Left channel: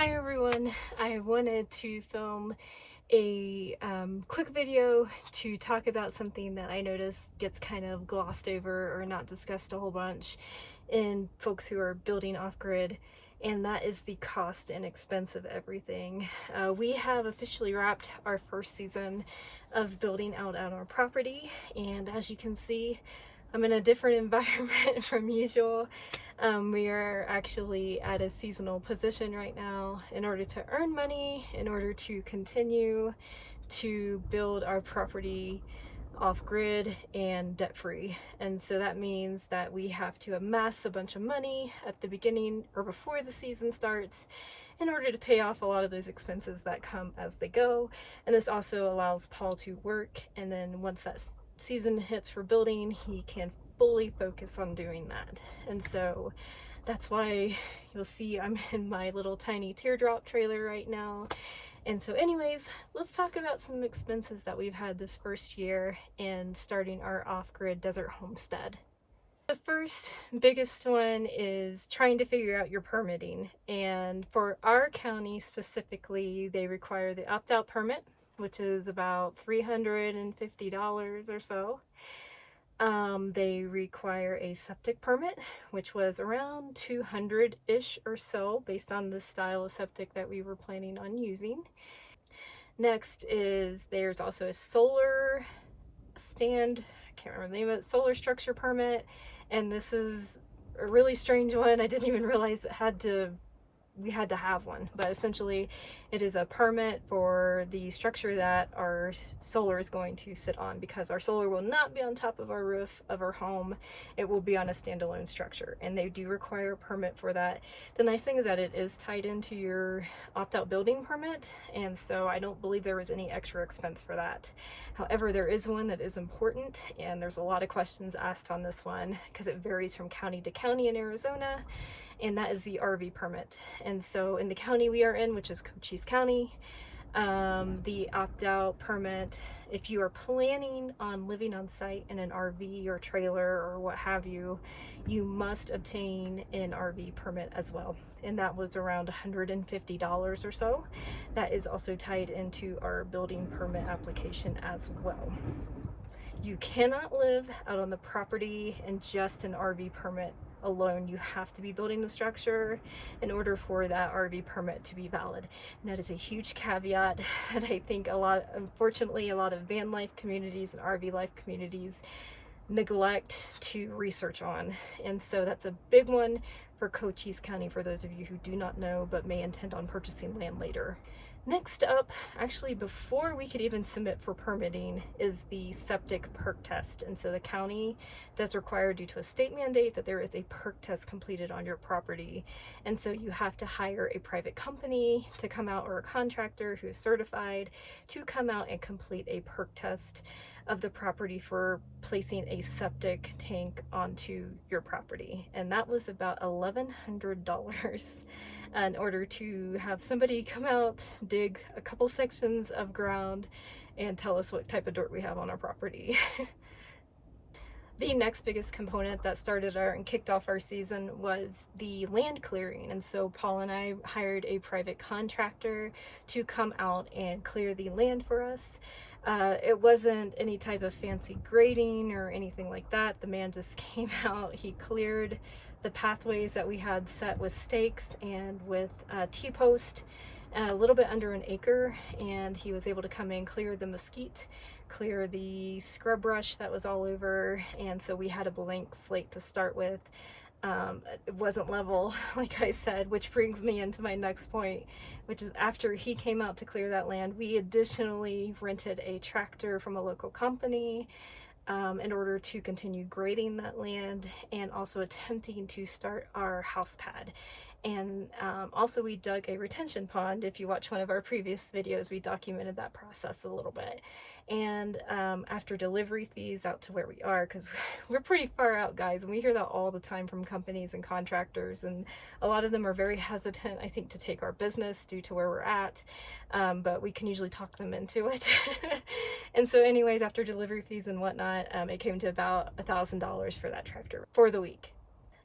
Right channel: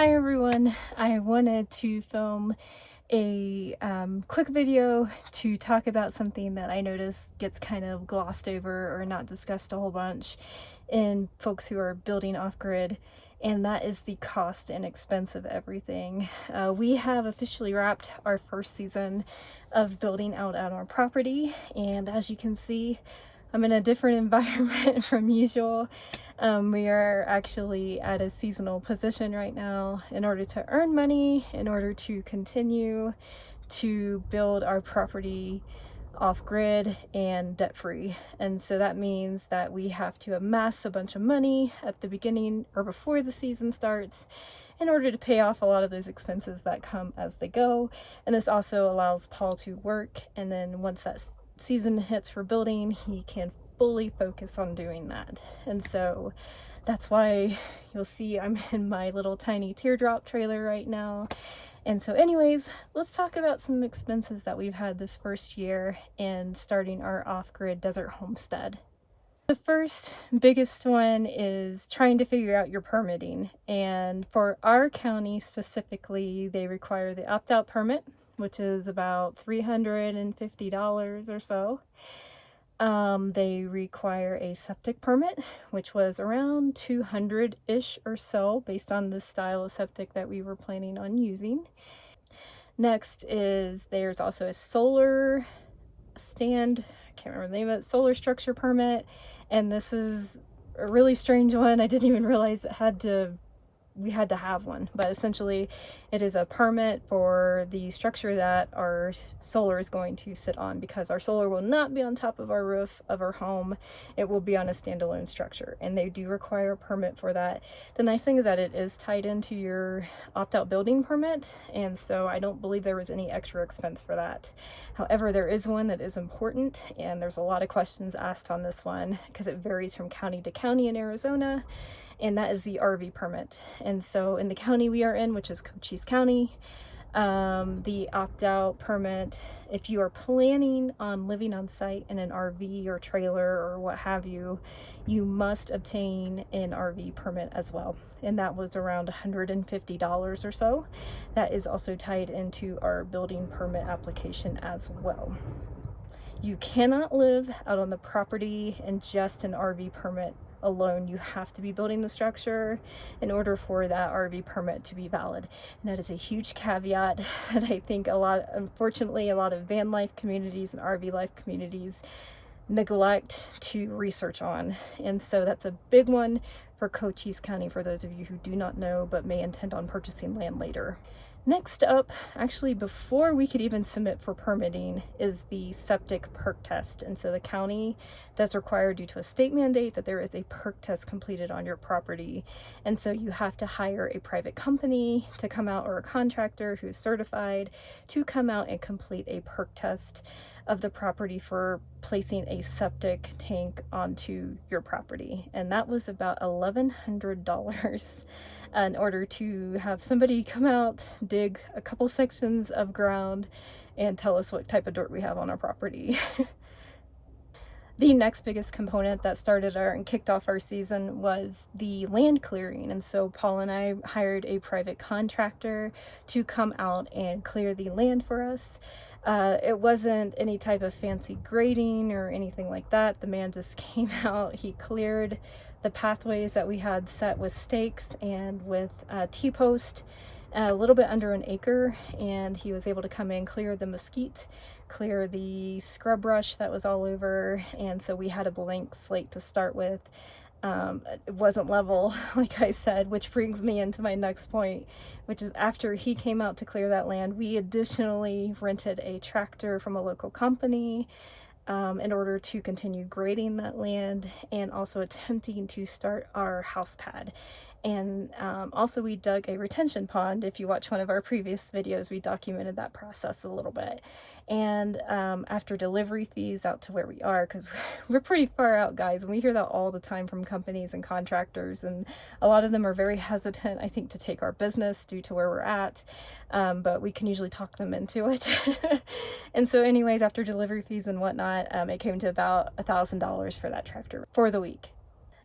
Hi everyone, I wanted to film a quick video to talk about something that I notice gets kind of glossed over or not discussed a whole bunch in folks who are building off-grid, and that is the cost and expense of everything. We have officially wrapped our first season of building out on our property, and as you can see, I'm in a different environment from usual. We are actually at a seasonal position right now in order to earn money, in order to continue to build our property off-grid and debt-free. And so that means that we have to amass a bunch of money at the beginning or before the season starts in order to pay off a lot of those expenses that come as they go. And this also allows Paul to work, and then once that season hits for building, he can fully focus on doing that. And so that's why you'll see I'm in my little tiny teardrop trailer right now. And so anyways, let's talk about some expenses that we've had this first year in starting our off-grid desert homestead. The first biggest one is trying to figure out your permitting. And for our county specifically, they require the opt-out permit, which is about $350 or so. They require a septic permit, which was around 200-ish or so based on the style of septic that we were planning on using. Next is there's also a solar stand, I can't remember the name of it, solar structure permit, and this is a really strange one. I didn't even realize we had to have one, but essentially it is a permit for the structure that our solar is going to sit on, because our solar will not be on top of our roof of our home. It will be on a standalone structure, and they do require a permit for that. The nice thing is that it is tied into your opt-out building permit, and so I don't believe there was any extra expense for that. However, there is one that is important, and there's a lot of questions asked on this one because it varies from county to county in Arizona, and that is the RV permit. And so in the county we are in, which is Cochise County, the opt-out permit, if you are planning on living on site in an RV or trailer or what have you, you must obtain an RV permit as well. And that was around $150 or so. That is also tied into our building permit application as well. You cannot live out on the property in just an RV permit alone. You have to be building the structure in order for that RV permit to be valid. And that is a huge caveat that I think unfortunately, a lot of van life communities and RV life communities neglect to research on. And so that's a big one for Cochise County for those of you who do not know but may intend on purchasing land later. Next up, actually before we could even submit for permitting, is the septic perk test. And so the county does require, due to a state mandate, that there is a perk test completed on your property. And so you have to hire a private company to come out, or a contractor who's certified to come out and complete a perk test of the property for placing a septic tank onto your property. And that was about $1,100. In order to have somebody come out, dig a couple sections of ground, and tell us what type of dirt we have on our property. The next biggest component that started and kicked off our season was the land clearing. And so Paul and I hired a private contractor to come out and clear the land for us. It wasn't any type of fancy grading or anything like that. The man just came out, he cleared the pathways that we had set with stakes and with T-post, a little bit under an acre, and he was able to come in, clear the mesquite, clear the scrub brush that was all over, and so we had a blank slate to start with. It wasn't level, like I said, which brings me into my next point, which is after he came out to clear that land, we additionally rented a tractor from a local company in order to continue grading that land and also attempting to start our house pad. And also we dug a retention pond. If you watch one of our previous videos, we documented that process a little bit. And after delivery fees out to where we are, because we're pretty far out, guys, and we hear that all the time from companies and contractors, and a lot of them are very hesitant, I think, to take our business due to where we're at, but we can usually talk them into it. And so anyways, after delivery fees and whatnot, it came to about $1,000 for that tractor for the week.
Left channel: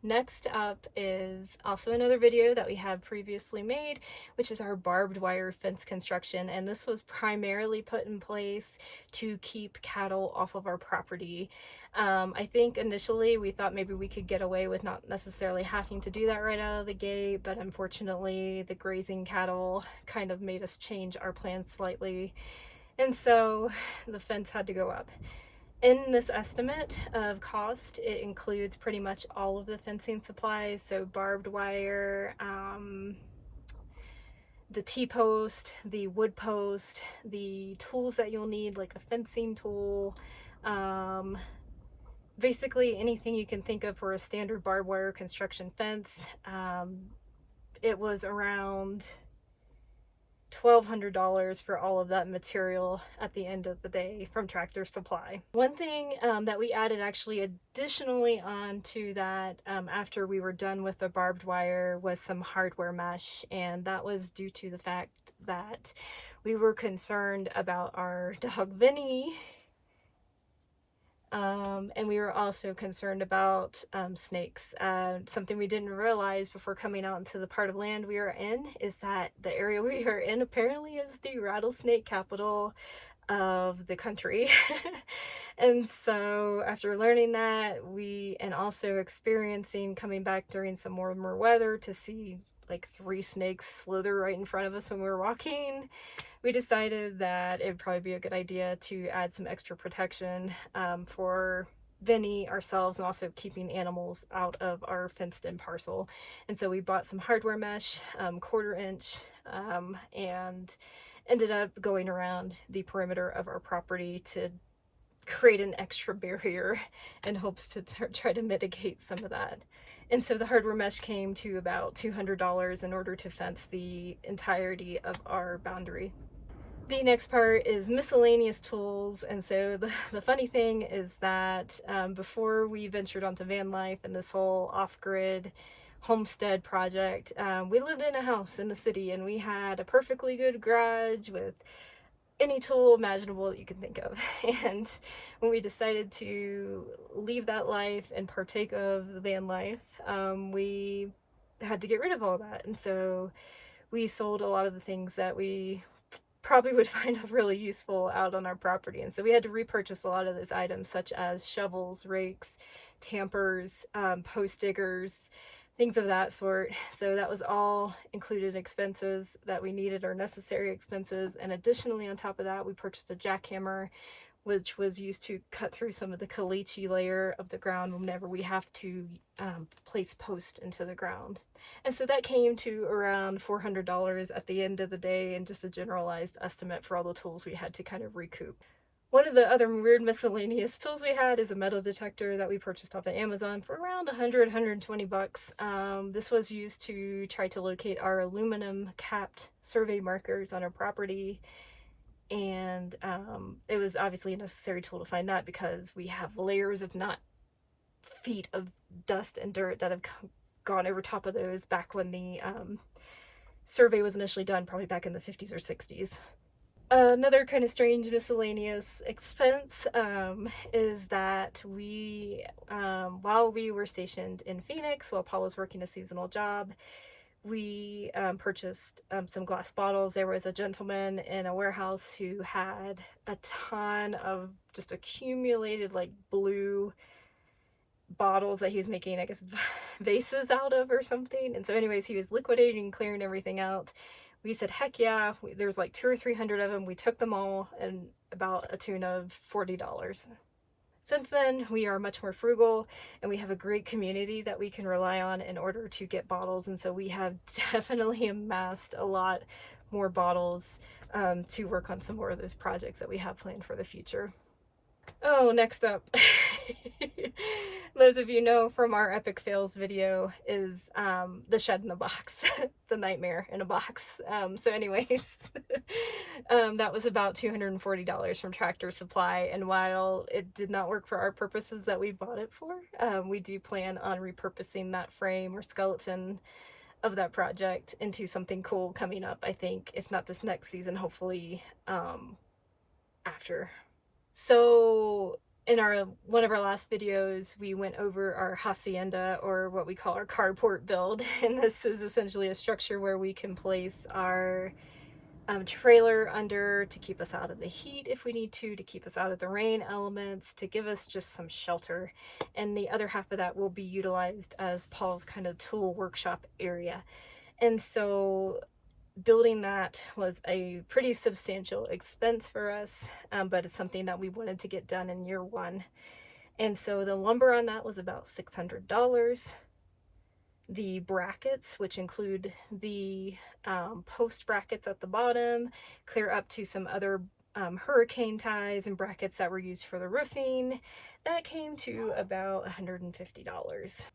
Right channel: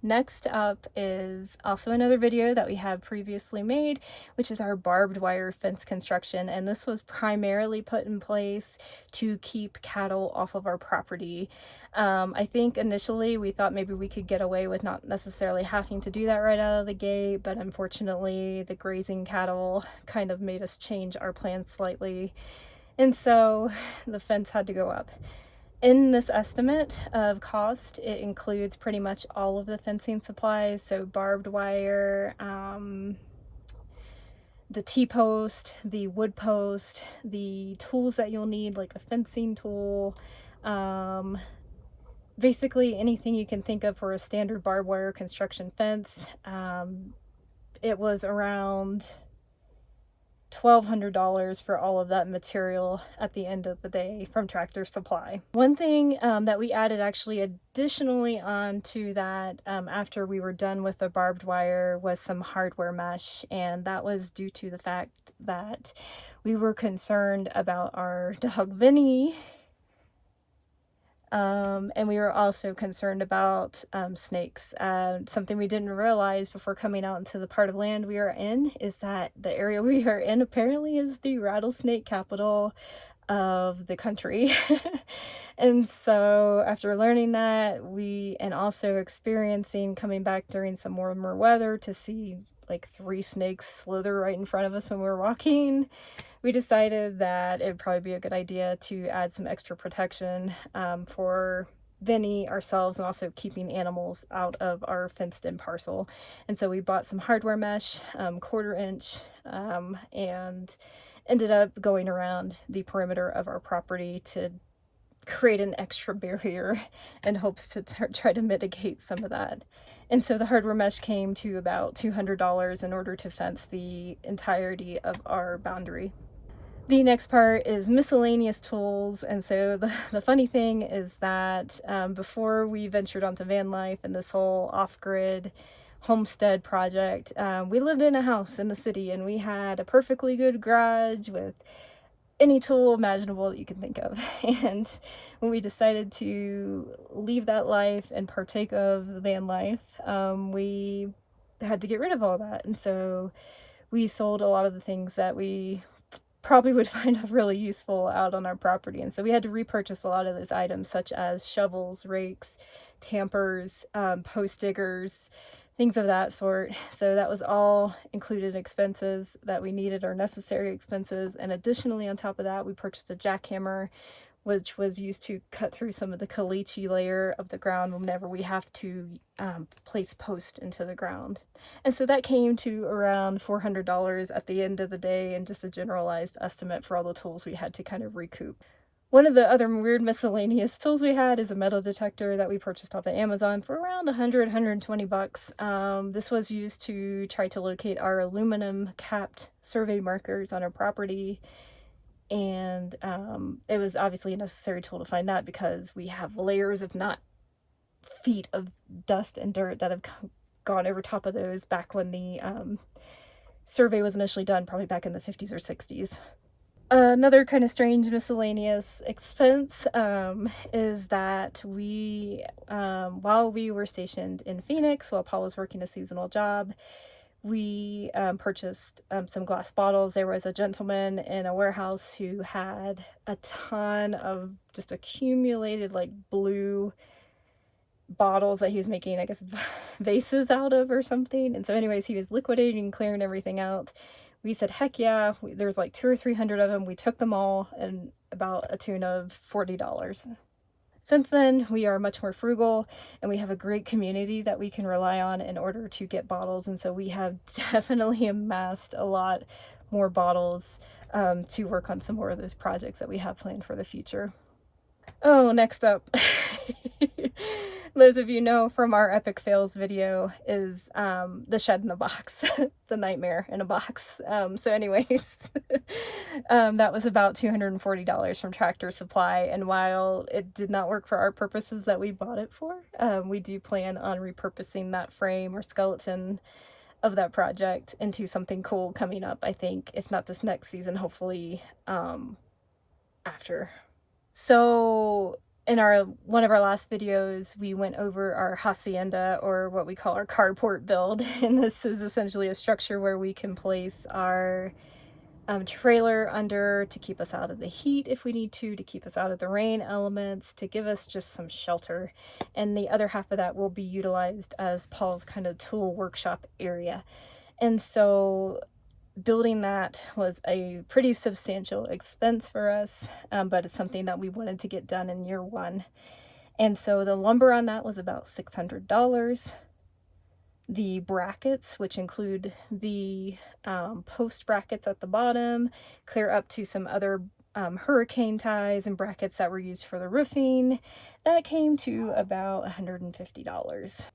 Next up is also another video that we have previously made, which is our barbed wire fence construction. And this was primarily put in place to keep cattle off of our property. I think initially we thought maybe we could get away with not necessarily having to do that right out of the gate, but unfortunately the grazing cattle kind of made us change our plans slightly. And so the fence had to go up. In this estimate of cost, it includes pretty much all of the fencing supplies, so barbed wire, the T-post, the wood post, the tools that you'll need, like a fencing tool, basically anything you can think of for a standard barbed wire construction fence. It was around $1,200 for all of that material at the end of the day from Tractor Supply. One thing that we added actually additionally onto that after we were done with the barbed wire was some hardware mesh, and that was due to the fact that we were concerned about our dog Vinny. And we were also concerned about snakes. Something we didn't realize before coming out into the part of land we are in is that the area we are in apparently is the rattlesnake capital of the country. And so after learning that, and also experiencing coming back during some warmer weather to see like 3 snakes slither right in front of us when we were walking, we decided that it would probably be a good idea to add some extra protection for Vinny, ourselves, and also keeping animals out of our fenced-in parcel. And so we bought some hardware mesh, 1/4 inch, and ended up going around the perimeter of our property to create an extra barrier in hopes to try to mitigate some of that. And so the hardware mesh came to about $200 in order to fence the entirety of our boundary. The next part is miscellaneous tools. And so the funny thing is that before we ventured onto van life and this whole off-grid homestead project, we lived in a house in the city, and we had a perfectly good garage with any tool imaginable that you can think of. And when we decided to leave that life and partake of the van life, we had to get rid of all that. And so we sold a lot of the things that we probably would find really useful out on our property. And so we had to repurchase a lot of those items, such as shovels, rakes, tampers, post diggers, things of that sort. So that was all included expenses that we needed, or necessary expenses. And additionally, on top of that, we purchased a jackhammer, which was used to cut through some of the caliche layer of the ground whenever we have to place post into the ground. And so that came to around $400 at the end of the day, and just a generalized estimate for all the tools we had to kind of recoup. One of the other weird miscellaneous tools we had is a metal detector that we purchased off of Amazon for around $120. This was used to try to locate our aluminum capped survey markers on our property. And it was obviously a necessary tool to find that, because we have layers, if not feet, of dust and dirt that have gone over top of those back when the survey was initially done, probably back in the 50s or 60s. Another kind of strange miscellaneous expense is that we, while we were stationed in Phoenix, while Paul was working a seasonal job, we purchased some glass bottles. There was a gentleman in a warehouse who had a ton of just accumulated like blue bottles that he was making, I guess, vases out of or something. And so anyways, he was liquidating, clearing everything out. We said, heck yeah, there's like 200 or 300 of them. We took them all, and about a tune of $40. Since then, we are much more frugal, and we have a great community that we can rely on in order to get bottles. And so we have definitely amassed a lot more bottles to work on some more of those projects that we have planned for the future. Oh, next up, those of you know from our epic fails video, is the shed in the box, the nightmare in a box. So anyways, that was about $240 from Tractor Supply, and while it did not work for our purposes that we bought it for, we do plan on repurposing that frame or skeleton of that project into something cool coming up, I think, if not this next season, hopefully after. So in one of our last videos, we went over our hacienda, or what we call our carport build, and this is essentially a structure where we can place our trailer under to keep us out of the heat if we need to keep us out of the rain elements, to give us just some shelter. And the other half of that will be utilized as Paul's kind of tool workshop area. And so building that was a pretty substantial expense for us, but it's something that we wanted to get done in year one. And so the lumber on that was about $600. The brackets, which include the post brackets at the bottom, clear up to some other hurricane ties and brackets that were used for the roofing, that came to about $150.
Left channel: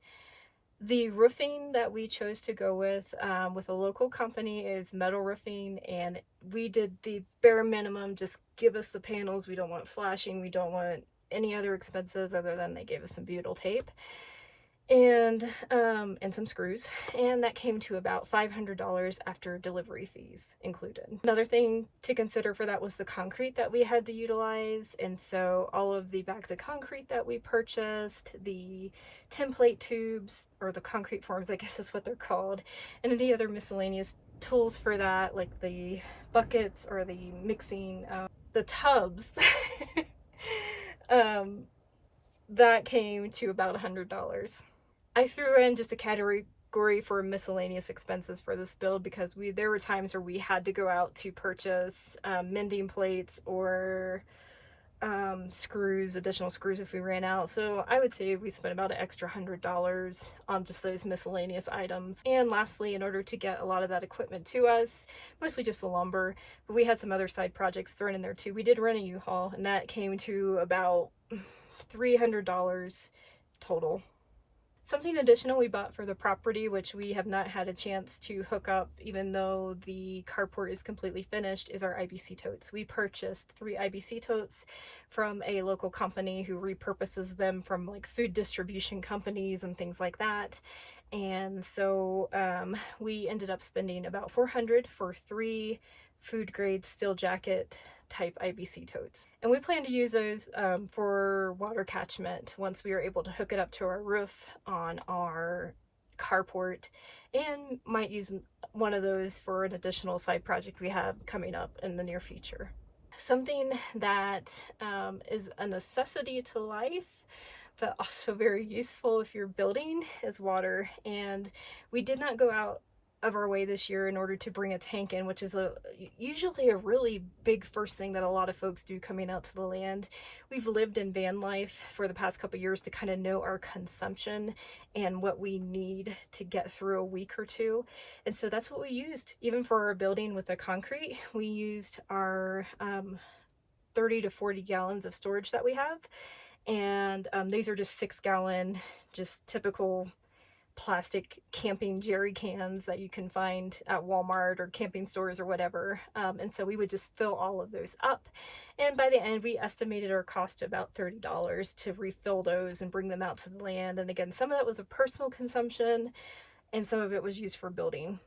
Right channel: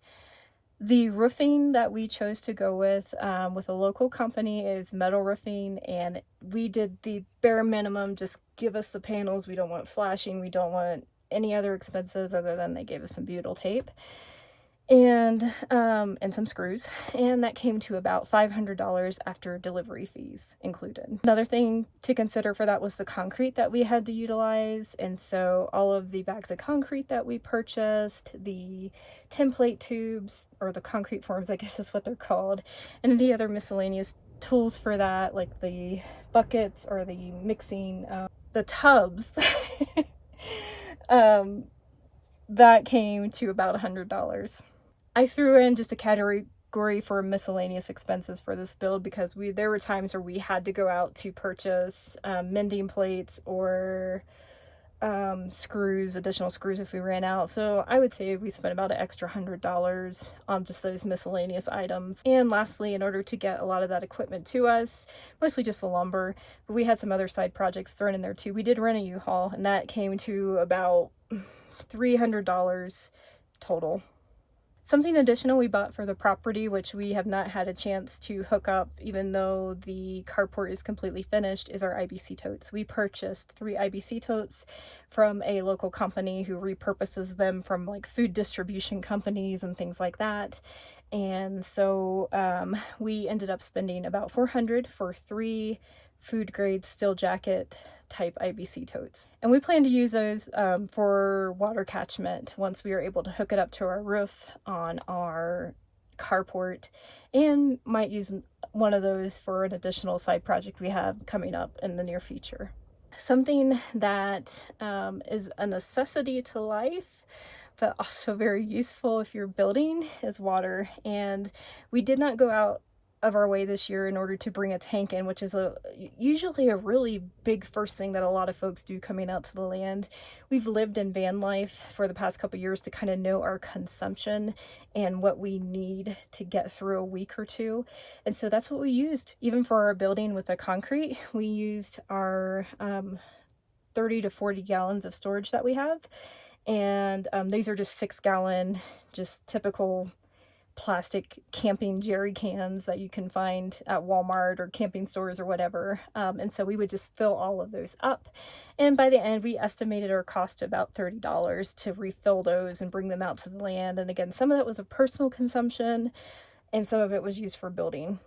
The roofing that we chose to go with a local company is Metal Roofing, and we did the bare minimum. Just give us the panels. We don't want flashing. We don't want any other expenses other than they gave us some butyl tape and some screws, and that came to about $500 after delivery fees included. Another thing to consider for that was the concrete that we had to utilize, and so all of the bags of concrete that we purchased, the template tubes, or the concrete forms I guess is what they're called, and any other miscellaneous tools for that, like the buckets or the mixing, the tubs, that came to about $100. I threw in just a category for miscellaneous expenses for this build because there were times where we had to go out to purchase mending plates or additional screws if we ran out. So I would say we spent about an extra $100 on just those miscellaneous items. And lastly, in order to get a lot of that equipment to us, mostly just the lumber, but we had some other side projects thrown in there too. We did rent a U-Haul, and that came to about $300 total. Something additional we bought for the property, which we have not had a chance to hook up even though the carport is completely finished, is our IBC totes. We purchased 3 IBC totes from a local company who repurposes them from like food distribution companies and things like that. And so we ended up spending about $400 for 3 food grade steel jacket type IBC totes. And we plan to use those for water catchment once we are able to hook it up to our roof on our carport, and might use one of those for an additional side project we have coming up in the near future. Something that is a necessity to life, but also very useful if you're building, is water. And we did not go out of our way this year in order to bring a tank in, which is usually a really big first thing that a lot of folks do coming out to the land. We've lived in van life for the past couple years to kind of know our consumption and what we need to get through a week or two. And so that's what we used. Even for our building with the concrete, we used our 30 to 40 gallons of storage that we have. And these are just 6-gallon, just typical plastic camping jerry cans that you can find at Walmart or camping stores or whatever. And so we would just fill all of those up. And by the end, we estimated our cost to about $30 to refill those and bring them out to the land. And again, some of that was a personal consumption and some of it was used for building.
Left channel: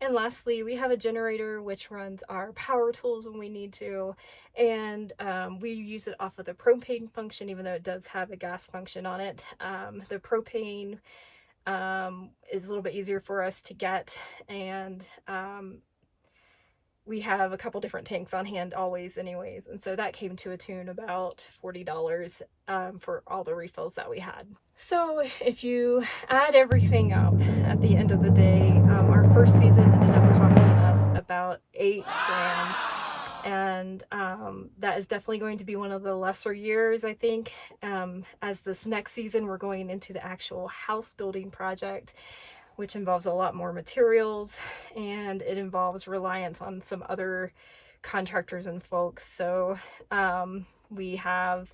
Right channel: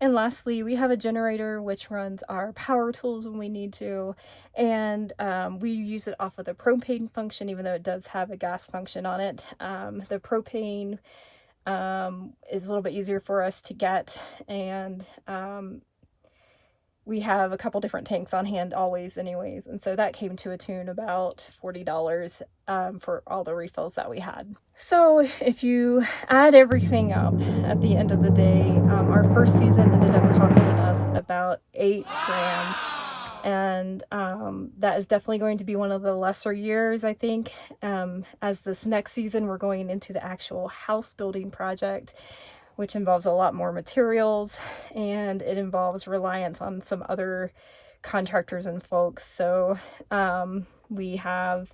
And lastly, we have a generator which runs our power tools when we need to, and we use it off of the propane function, even though it does have a gas function on it. The propane is a little bit easier for us to get, and we have a couple different tanks on hand always anyways, and so that came to a tune about $40 for all the refills that we had. So if you add everything up at the end of the day, our first season ended up costing us about $8,000. And that is definitely going to be one of the lesser years, I think. As this next season, we're going into the actual house building project, which involves a lot more materials, and it involves reliance on some other contractors and folks. So we have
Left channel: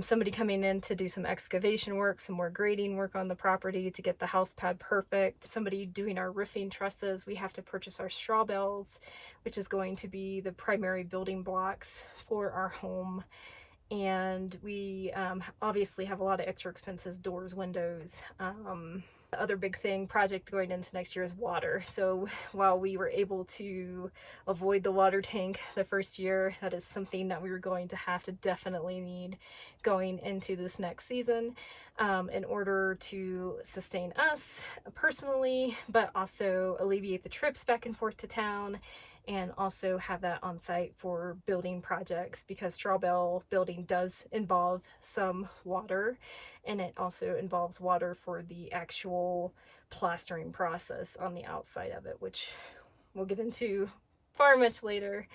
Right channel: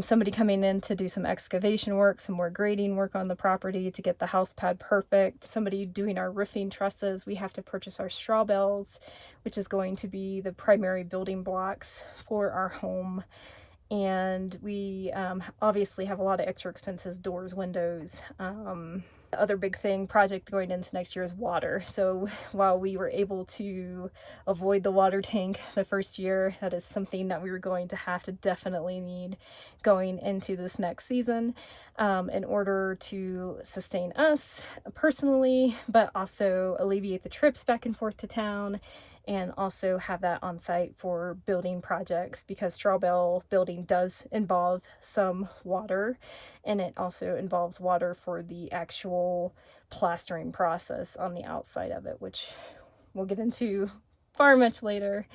somebody coming in to do some excavation work, some more grading work on the property to get the house pad perfect, somebody doing our roofing trusses. We have to purchase our straw bales, which is going to be the primary building blocks for our home. And we obviously have a lot of extra expenses, doors, windows, The other big project going into next year is water. So while we were able to avoid the water tank the first year, that is something that we were going to have to definitely need going into this next season, in order to sustain us personally, but also alleviate the trips back and forth to town, and also have that on site for building projects, because straw bale building does involve some water, and it also involves water for the actual plastering process on the outside of it, which we'll get into far much later.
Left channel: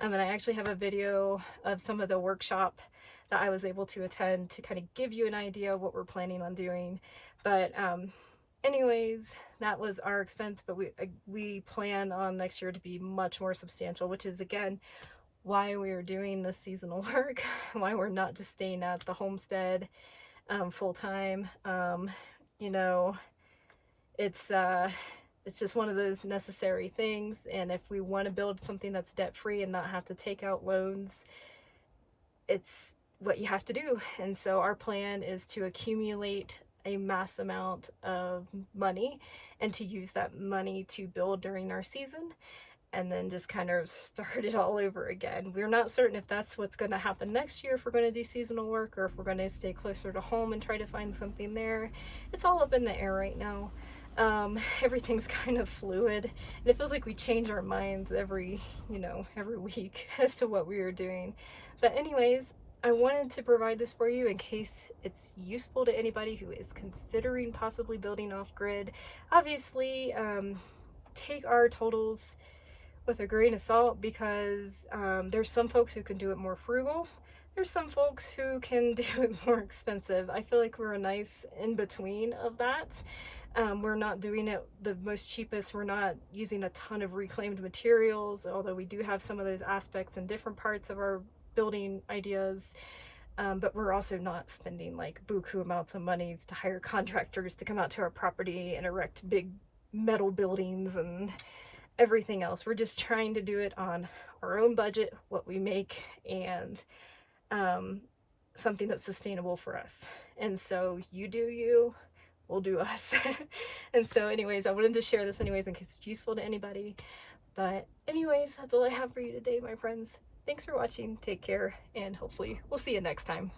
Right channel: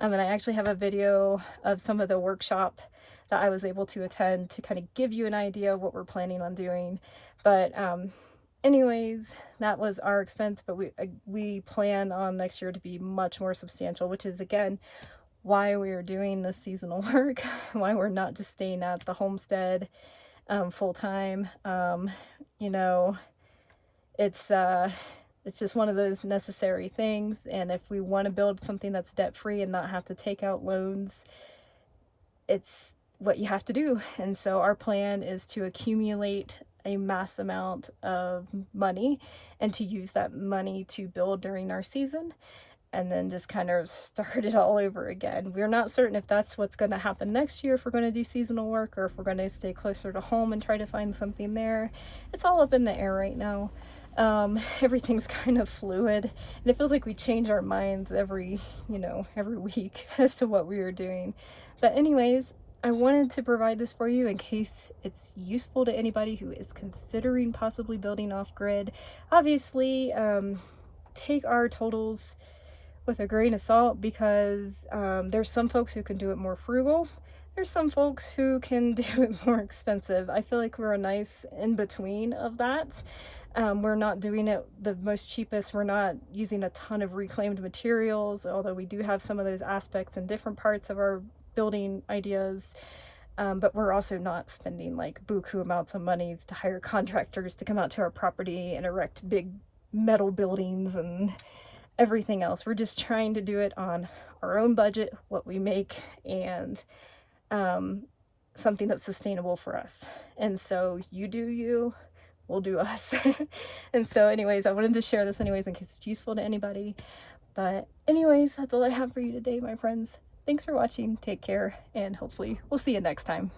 And I actually have a video of some of the workshop that I was able to attend to kind of give you an idea of what we're planning on doing. But anyways, that was our expense, but we plan on next year to be much more substantial, which is again why we are doing this seasonal work, why we're not just staying at the homestead full time. You know, it's just one of those necessary things, and if we want to build something that's debt free and not have to take out loans, it's what you have to do. And so our plan is to accumulate a mass amount of money and to use that money to build during our season, and then just kind of start it all over again. We're not certain if that's what's going to happen next year, if we're going to do seasonal work, or if we're going to stay closer to home and try to find something there. It's all up in the air right now. Everything's kind of fluid, and it feels like we change our minds every week as to what we are doing. But anyways, I wanted to provide this for you in case it's useful to anybody who is considering possibly building off-grid. Obviously, take our totals with a grain of salt, because there's some folks who can do it more frugal. There's some folks who can do it more expensive. I feel like we're a nice in-between of that. We're not doing it the most cheapest. We're not using a ton of reclaimed materials, although we do have some of those aspects in different parts of our building ideas. But we're also not spending like buku amounts of money to hire contractors to come out to our property and erect big metal buildings and everything else. We're just trying to do it on our own budget, what we make, and something that's sustainable for us. And so you do you, we'll do us. And so anyways, I wanted to share this anyways in case it's useful to anybody. But anyways, that's all I have for you today, my friends. Thanks for watching, take care, and hopefully we'll see you next time.